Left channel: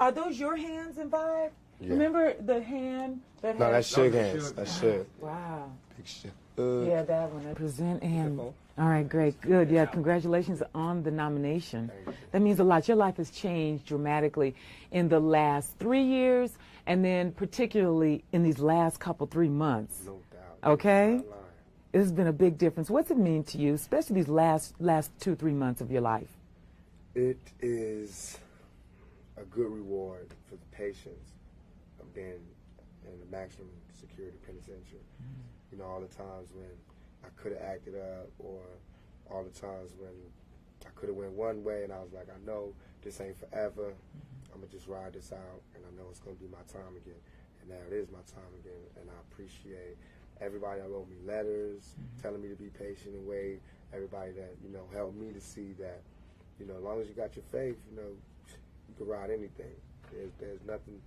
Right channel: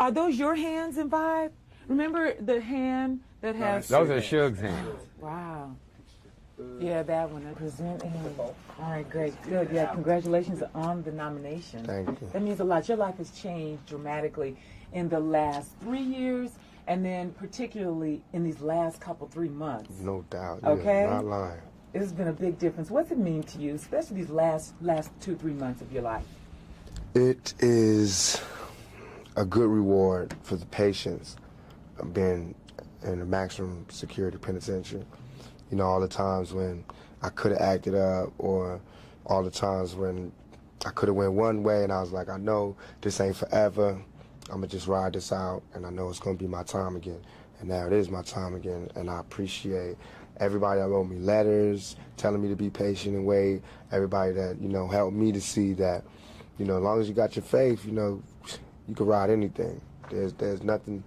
Are those your hands in Vibe? Yeah. Remember the hand that has... Those are Suge's hands. Wow. Yeah, that one. I present and... All right, great. Good. Yeah, congratulations on the nomination. Thank you. That means a lot. Your life has changed dramatically in the last 3 years, and then particularly in these last 3 months. No doubt. Okay? Not lying. It has been a big difference. What's it mean to you, especially these last 2-3 months of your life? It is a good reward for the patience of being in a maximum security penitentiary. You know, all the times when I could have acted up, or all the times when I could have went one way and I was like, I know this ain't forever. I'm going to just ride this out, and I know it's going to be my time again. And now it is my time again, and I appreciate everybody that wrote me letters, telling me to be patient and wait, everybody that, you know, helped me to see that, you know, as long as you got your faith, you know, you can ride anything. There's nothing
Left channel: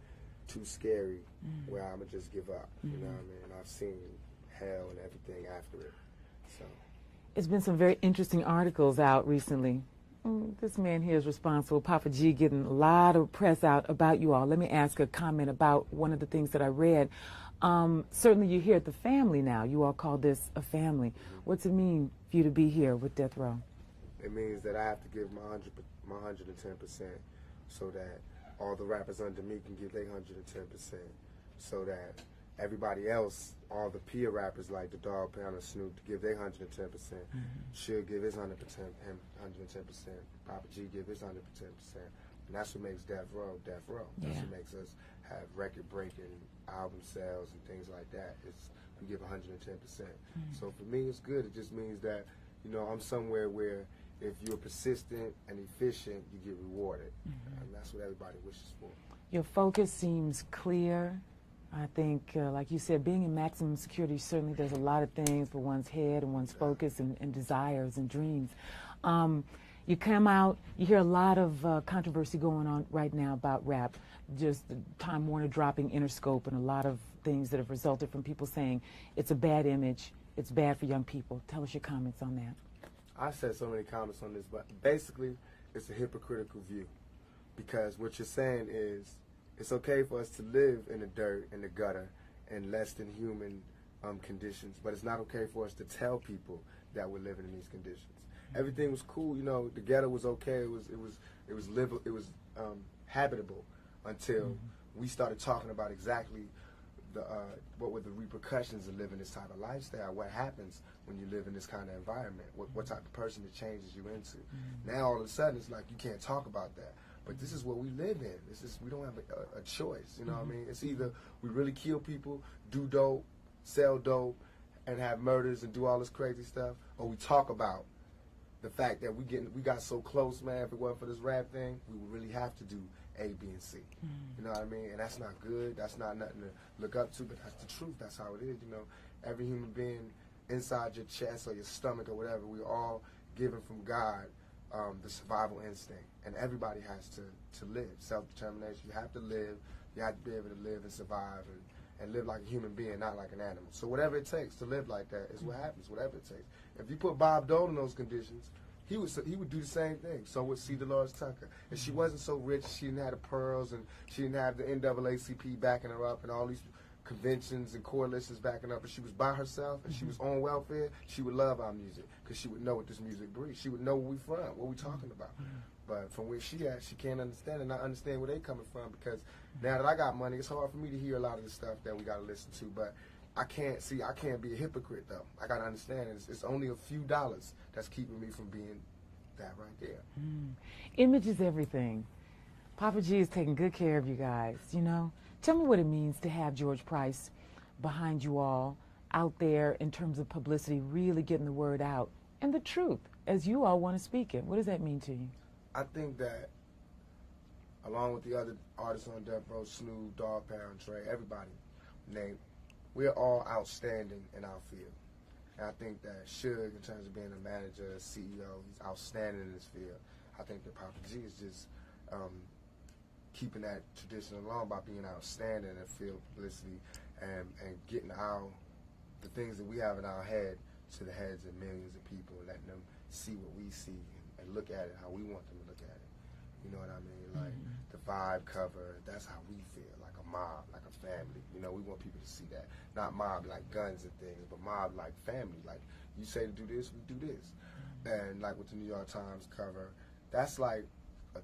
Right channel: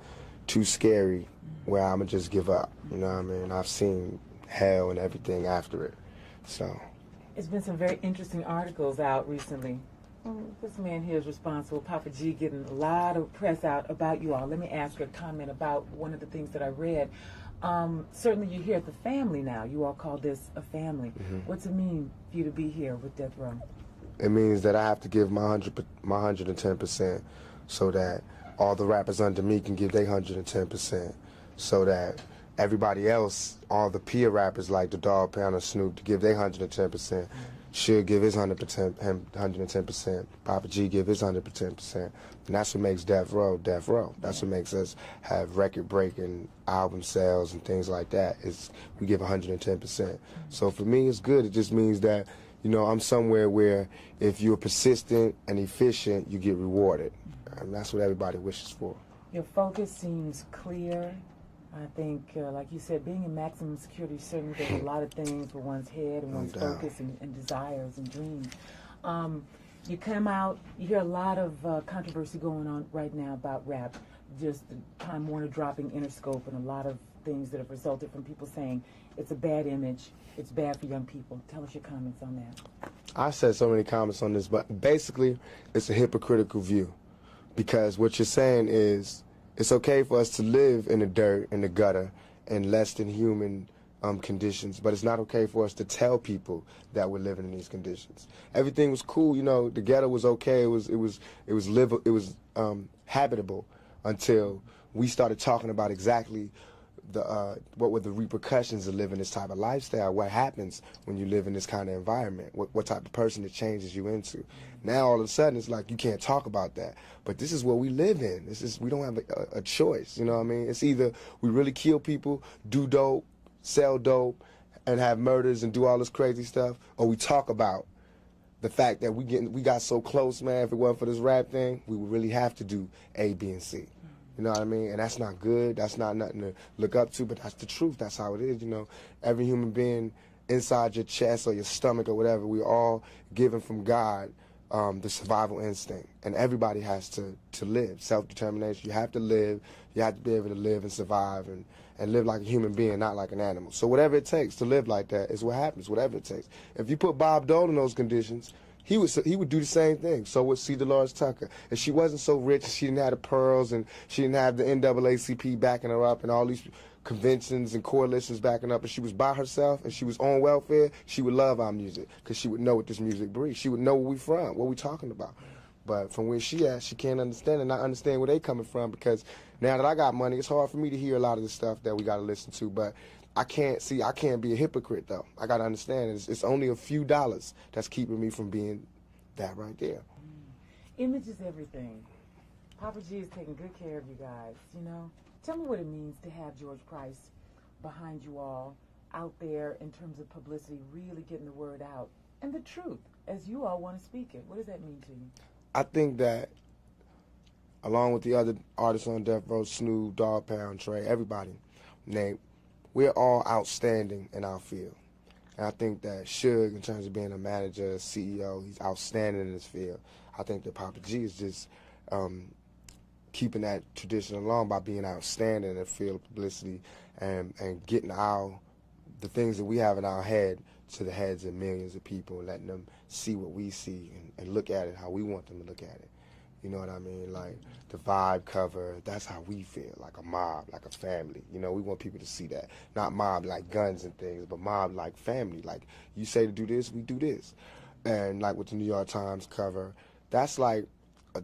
too scary where I'm going to just give up, you know what I mean? I've seen hell and everything after it, so. It's been some very interesting articles out recently. This man here is responsible, Papa G, getting a lot of press out about you all. Let me ask a comment about one of the things that I read. Certainly you're here at the family now. You all call this a family. What's it mean for you to be here with Deathrow? It means that I have to give my 110% so that all the rappers under me can give their 110%, so that everybody else, all the peer rappers like the Dog Pound and Snoop, to give their 110%, should give his 110%, Papa G give his 110%, and that's what makes Deathrow Deathrow. That's what makes us have record-breaking album sales and things like that. Is we give 110%. So for me, it's good. It just means that, you know, I'm somewhere where if you're persistent and efficient, you get rewarded, and that's what everybody wishes for. Your focus seems clear. I think, like you said, being in maximum security, certainly there's a lot of things for one's head and one's focus and desires and dreams. You come out, you hear a lot of controversy going on right now about rap, just Time Warner dropping Interscope and a lot of things that have resulted from people saying it's a bad image, it's bad for young people. Tell us your comments on that. I said so many comments on this, but basically it's a hypocritical view, because what you're saying is it's okay for us to live in the dirt, in the gutter, in less than human conditions, but it's not okay for us to tell people that we're living in these conditions. Everything was cool, you know. The ghetto was okay. It was habitable until we started talking about exactly what were the repercussions of living this type of lifestyle. What happens when you live in this kind of environment? What type of person it changes you into? Now all of a sudden it's like you can't talk about that. But this is what we live in. We don't have a choice. You know what I mean? It's either we really kill people, do dope, sell dope, and have murders and do all this crazy stuff, or we talk about the fact that we got so close, man. If it wasn't for this rap thing, we would really have to do A, B, and C. You know what I mean? And that's not good. That's not nothing to look up to, but that's the truth. That's how it is, you know. Every human being inside your chest or your stomach or whatever, we all given from God the survival instinct. And everybody has to live. Self-determination. You have to live. You have to be able to live and survive and live like a human being, not like an animal. So whatever it takes to live like that is what happens, whatever it takes. If you put Bob Dole in those conditions, he would do the same thing. So would C. Dolores Tucker. If she wasn't so rich, she didn't have the pearls, and she didn't have the NAACP backing her up, and all these conventions and coalitions backing up, and she was by herself, and she was on welfare, she would love our music, because she would know what this music breeds. She would know where we from, what we talking about. But from where she at, she can't understand and not understand where they coming from, because now that I got money, it's hard for me to hear a lot of the stuff that we got to listen to. But I can't be a hypocrite, though. I got to understand it's only a few dollars that's keeping me from being that right there. Image is everything. Papa G is taking good care of you guys, you know. Tell me what it means to have George Price behind you all, out there in terms of publicity, really getting the word out, and the truth, as you all want to speak it. What does that mean to you? I think that, along with the other artists on Death Row, Snoop, Dog Pound, Trey, everybody, Nate, we're all outstanding in our field. And I think that Suge, in terms of being a manager, a CEO, he's outstanding in this field. I think that Papa G is just keeping that tradition along by being outstanding in the field of publicity and getting the things that we have in our head to the heads of millions of people and letting them see what we see and look at it how we want them to look at it. You know what I mean? Like the vibe cover, that's how we feel, like a mob, like a family. You know, we want people to see that. Not mob like guns and things, but mob like family. Like you say to do this, we do this. And like with the New York Times cover, that's like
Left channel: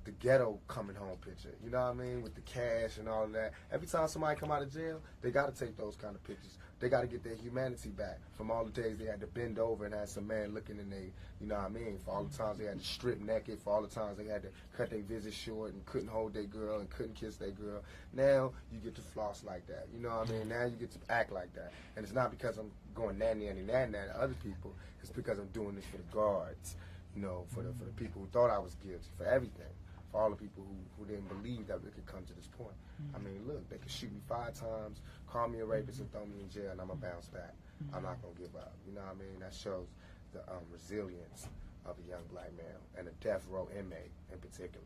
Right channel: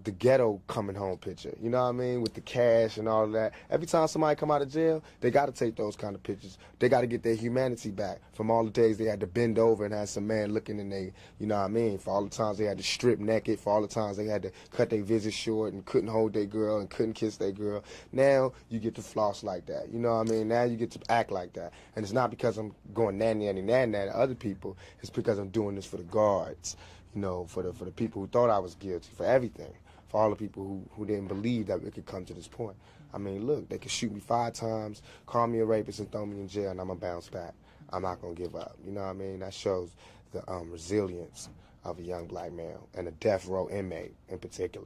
the ghetto coming home picture, you know what I mean, with the cash and all of that. Every time somebody come out of jail, they got to take those kind of pictures. They got to get their humanity back from all the days they had to bend over and have some man looking in they, you know what I mean, for all the times they had to strip naked, for all the times they had to cut their visit short and couldn't hold their girl and couldn't kiss their girl. Now you get to floss like that, you know what I mean. Now you get to act like that. And it's not because I'm going nanny to other people. It's because I'm doing this for the guards, you know, for the people who thought I was guilty, for everything, for all the people who didn't believe that it could come to this point. I mean, look, they could shoot me 5 times, call me a rapist, and throw me in jail, and I'm going to bounce back. I'm not going to give up. You know what I mean? That shows the resilience of a young black male and a death row inmate in particular.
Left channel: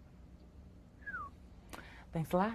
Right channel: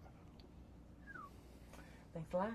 Thanks a lot.